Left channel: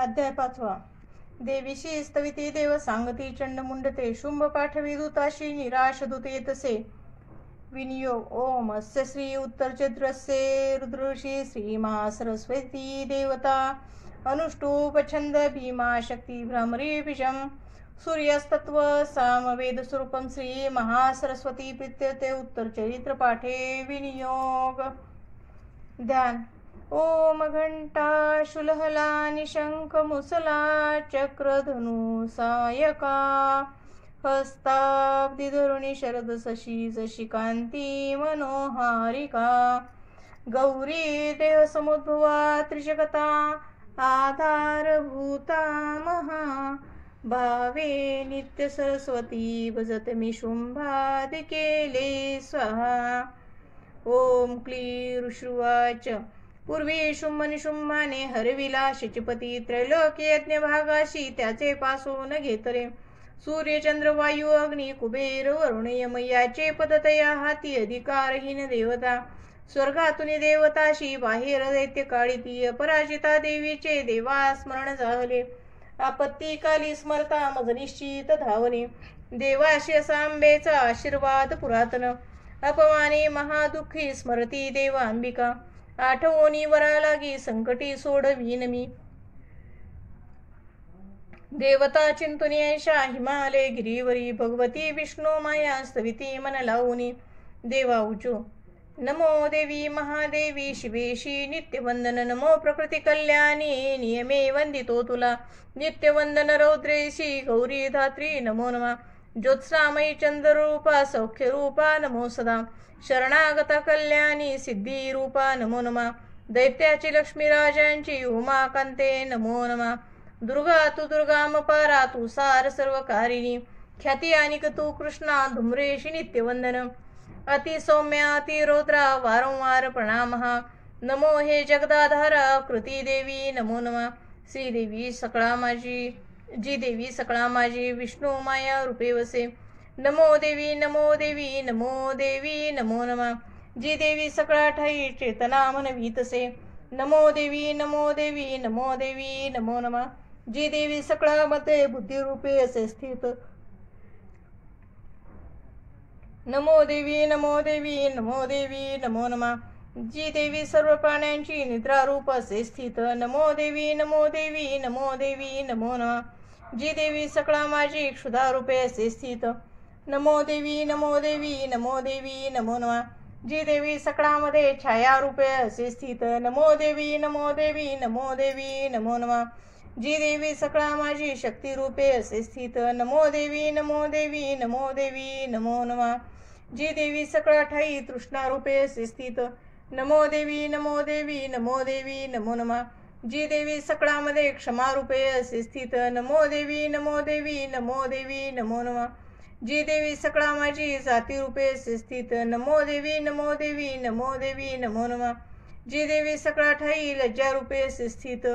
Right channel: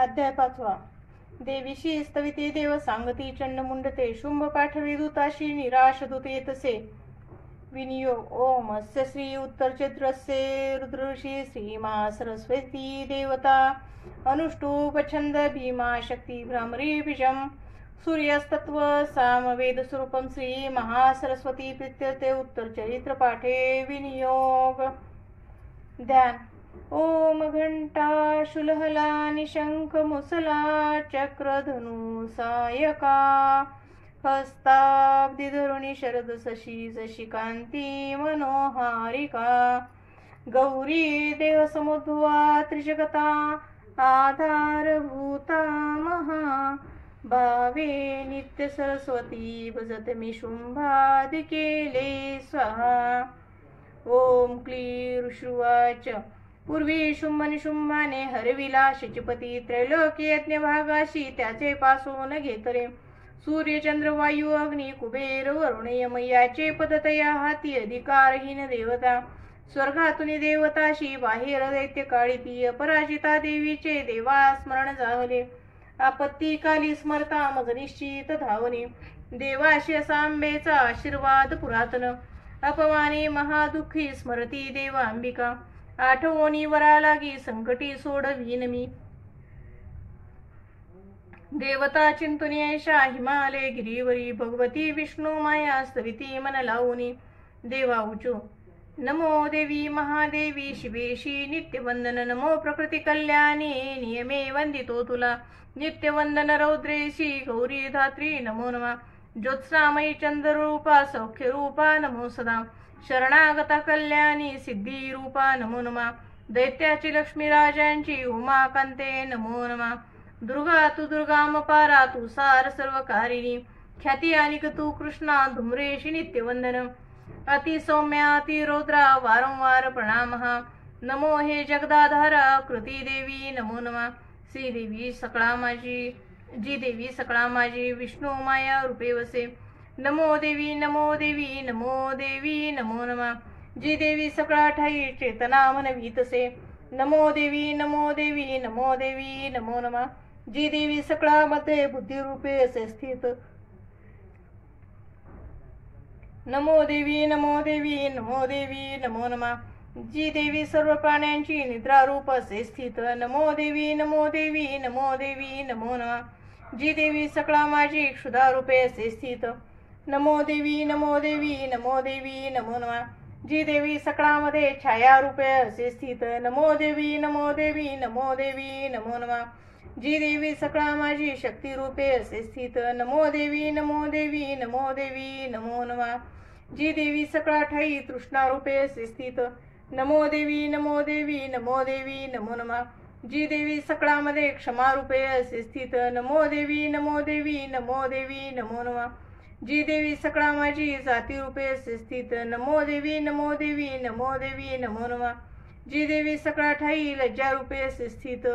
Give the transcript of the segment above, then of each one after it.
अध्याय 5. देवीशी स्तविती देव सांगती चंड मुंडते शुंभ पाठवी दूताशी निराश दूत येतसे विनियोग ओम अस्य श्री उत्तरचैत्रस्य रुद्रऋषी श्रीमा सरस्वती देवता अनुष्टुप छंद भीमा शक्ती भ्रमरी बीजम सूर्यस्तत्व सामवेद स्वरूपम श्री महासरस्वती प्रीत्यर्थे उत्तरचरित्र पाठे विनियोग ध्यान ओम घंटा शुलहला निशंक मुसला चक्रधनु सायका हस्ताब्दी धरुणी शरद शशी जशी कांती मनोहारिका गौरी देह समुद्भवा त्रिजगता आधारभूता महा भावे नित्य सरस्वती भजत मी शुंभादि केले स्वाहा. ओम क्लीं ऋषुवाच पूर्वी शुंभ निशुंभाने हरविला शचपती त्रैलोक्य यज्ञ भागाशी त्याचे पासून घेतले सूर्य चंद्र वायू अग्नी कुबेर वरुण यम याचे पदतया हाती अधिकारहीन देवता स्वर्गातून देवताशी बाहेर दैत्य काळी अपराजिता देवीचे देवा स्मरण झाले आपत्तीकाली स्मरता मग निश्चित धावणे देवाशी सांबेचा आशीर्वाद पुरातन अपमाने महादुःखी स्मरती देवा अंबिका आठवणी वरा लागी संकटी सोडवीन मी देवता चिंतुनियशा हिमालय गिरीवरी भगवती विष्णू माया स्तविती मन लावूनी देवा उचो नमो देवी महादेवी शिवेशी नित्यवंदन नमो प्रकृती कल्याणी नियमे वंदितो तुला नित्यवंदन रौद्रेशी गौरी धात्री नमो नमः ज्योत्स्नामयी चंद्ररूपा सौख्यरूपा नमो सदा शरणागता कल्याणी सिद्धी रूपा नमो नमः दैत्याची लक्ष्मी राजांची उमाकांते नमो नमः दुर्गा तू दुर्गामपारा तू सार सर्वकारिणी ख्याती अनिक तू कृष्णा धुम्रेशी नित्यवंदन अति सौम्या अति रौद्रा वारंवार प्रणामः नमो हे जगदाधारा कृती देवी नमो नमः श्रीदेवी सकळा माझी जी देवी सकळा माझी विष्णू माया रूपे वसे नमो देवी नमो देवी नमो देवी नमो नमः जी देवी सकळा ठाई चेतना मनवीतसे नमो देवी नमो देवी नमो देवी नमो नमः जी देवी सकळा मध्ये बुद्धी रूपे असे स्थित नमो देवी नमो देवी नमो देवी नमो नमः जी देवी सर्व प्राण्यांची निद्रा रूप असे स्थित नमो देवी नमो देवी नमो देवी नमो नमः जी देवी सकळा माझी क्षुधा रूपे असे स्थित नमो देवी नमो देवी नमो देवी नमो नमः जी देवी सकळामध्ये छाया रूपे असे स्थित नमो देवी नमो देवी नमो देवी नमो नमः जी देवी सकळा माझी शक्ती रूपे असे स्थित नमो देवी नमो देवी नमो देवी नमो नमः जी देवी सकळा ठाई तृष्णा रूपे असे स्थित नमो देवी नमो देवी नमो देवी नमो नमः जी देवी सकळामध्ये क्षमा रूपे असे स्थित नमो देवी नमो देवी नमो देवी नमो नमः जी देवी सकळा माझी जाती रूपे असे स्थित नमो देवी नमो देवी नमो देवी नमो नमः जी देवी सकळा ठाई लज्जा रूपे असे स्थित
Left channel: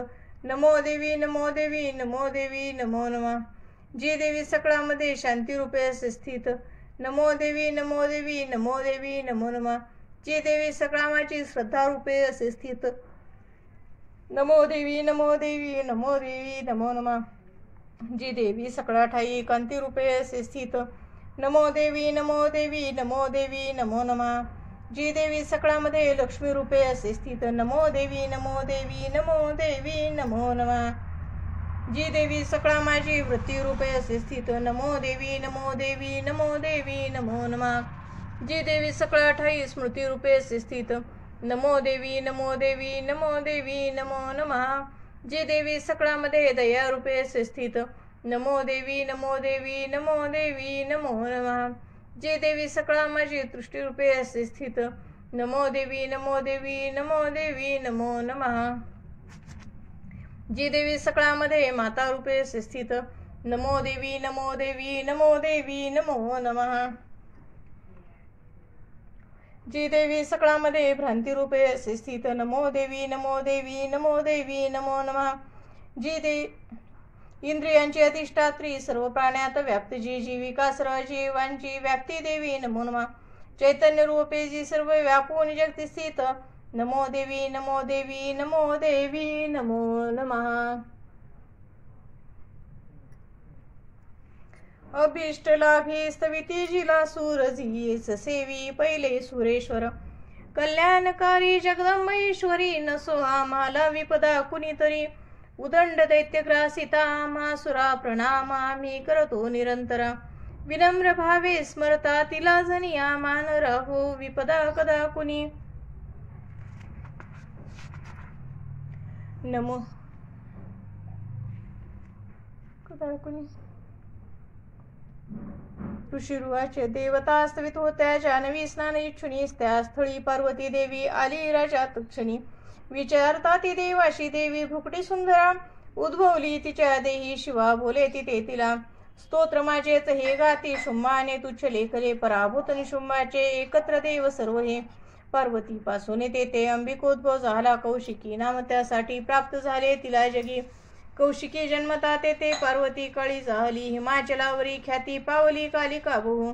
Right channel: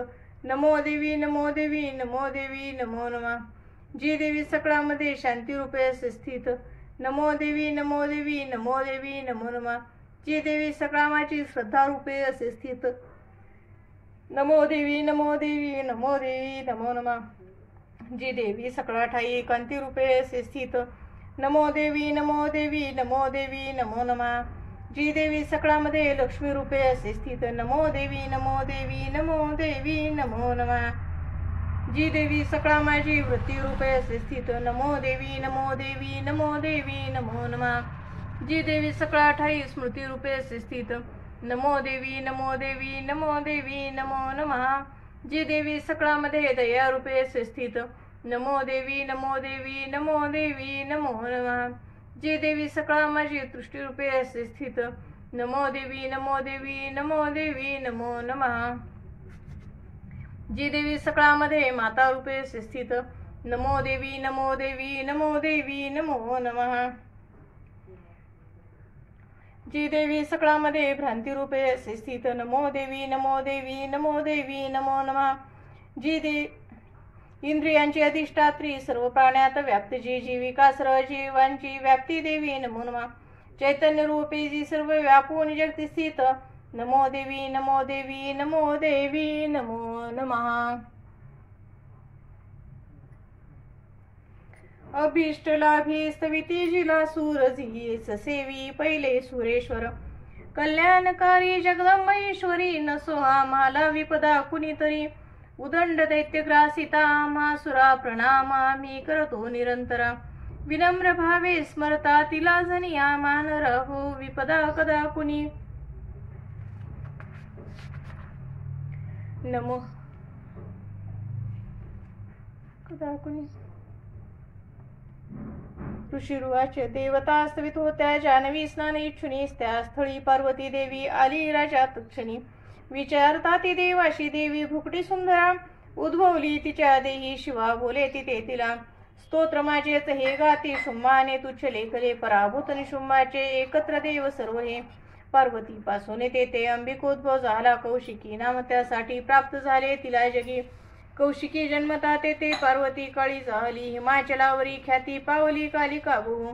नमो देवी नमो देवी नमो देवी नमो नमः जी देवी सकळामध्ये शांती रूपे असे स्थित नमो देवी नमो देवी नमो देवी नमो नमः जी देवी सकळा माझी श्रद्धा रूपे असे स्थित नमो देवी नमो देवी नमो देवी नमो नमः जी देवी सकळा ठाई कांती रूपे असे स्थित नमो देवी नमो देवी नमो देवी नमो नमः जी देवी सकळामध्ये लक्ष्मी रूपे असे स्थित नमो देवी नमो देवी नमो देवी नमो नमः जी देवी सकळा माझी वृत्ती रूपे असे स्थित नमो देवी नमो देवी नमो देवी नमो नमः जी देवी सकळा ठाई स्मृती रूपे असे स्थित नमो देवी नमो देवी नमो देवी नमो नमः जी देवी सकळामध्ये दया रूपे असे स्थित नमो देवी नमो देवी नमो देवी नमो नमः जी देवी सकळा माझी दृष्टी रूपे असे स्थित नमो देवी नमो देवी नमो देवी नमो नमः जी देवी सकळामध्ये माता रूपे असे स्थित नमो देवी नमो देवी नमो देवी नमो नमः जी देवी सकळामध्ये भ्रांती रूपे असे स्थित नमो देवी नमो देवी नमो देवी नमो नमः जी इंद्रियांची अधिष्ठात्री सर्व प्राण्यात व्याप्त जी जीविका सर्व जीवांची व्याप्ती देवी नमो नमः चैतन्य रूपे जी सर्व व्यापून जगती स्थित नमो देवी नमो देवी नमो देवी नमो नमः. अभीष्ट लाभी स्तविती जिला सूरजीस सेवी पहिले सुरेश्वर कल्याणकारी जगदंबेश्वरी नसो आम्हाला विपदा कुणीतरी उदंड दैत्यग्रासिता आम्हासुरा प्रणाम आम्ही करतो निरंतर विनम्र भावे स्मरता तिला जनिया मान राहो विपदा कदा कुणी नमो कदा कुणी ऋषिरुवाच देवता स्तवित होत्या जानवी स्नान इच्छुनी त्या स्थळी पार्वती देवी आली राजा तक्षणी विचारता ती देवाशी देवी भुकटी सुंदरा उद्भवली तिच्या देही शिवा बोले तिथे तिला स्तोत्र माझेच हे गाती शुंभाने तुच्छ लेखले पराभूत निशुंभाचे एकत्र देव सर्व हे पार्वती पासून तेथे अंबिकोद्भव झाला कौशिकी नाम त्यासाठी प्राप्त झाले तिला जगी कौशिकी जन्मता तेथे पार्वती काळी झाली हिमाचलावरी ख्याती पावली कालिका बहु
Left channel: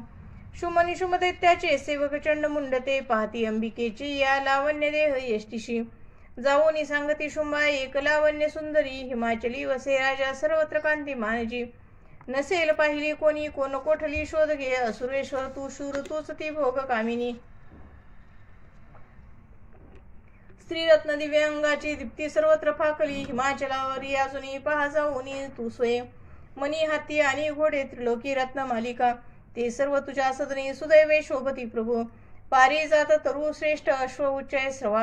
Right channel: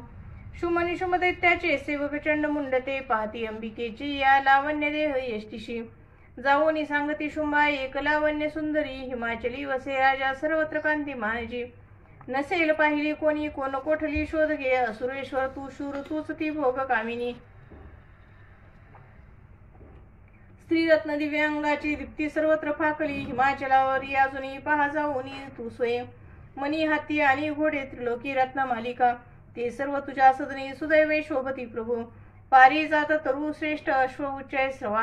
शुंभ निशुंभ दैत्याचे सेवक चंड मुंड ते पाहती अंबिकेची या लावण्य देह यष्टीशी जाऊनी सांगती शुंभा एक लावण्य सुंदरी हिमाचली वसे राजा सर्वत्र कांती मानजी नसेल पाहिली कोणी कोण कोठली शोध घे असुरेश्वर तू शूर तूच ती भोग कामिनी स्त्रीरत्न दिव्यांगाची दीप्ती सर्वत्र फाकली हिमाचलावरी अजूनही पहा जाऊनी तू स्वयं मनी हाती आणि घोडे त्रिलोकी रत्न मालिका ते सर्व तुझ्या सदनी सुदैवे शोभती प्रभू पारी जात तरु श्रेष्ठ अश्व उच्चय श्रवा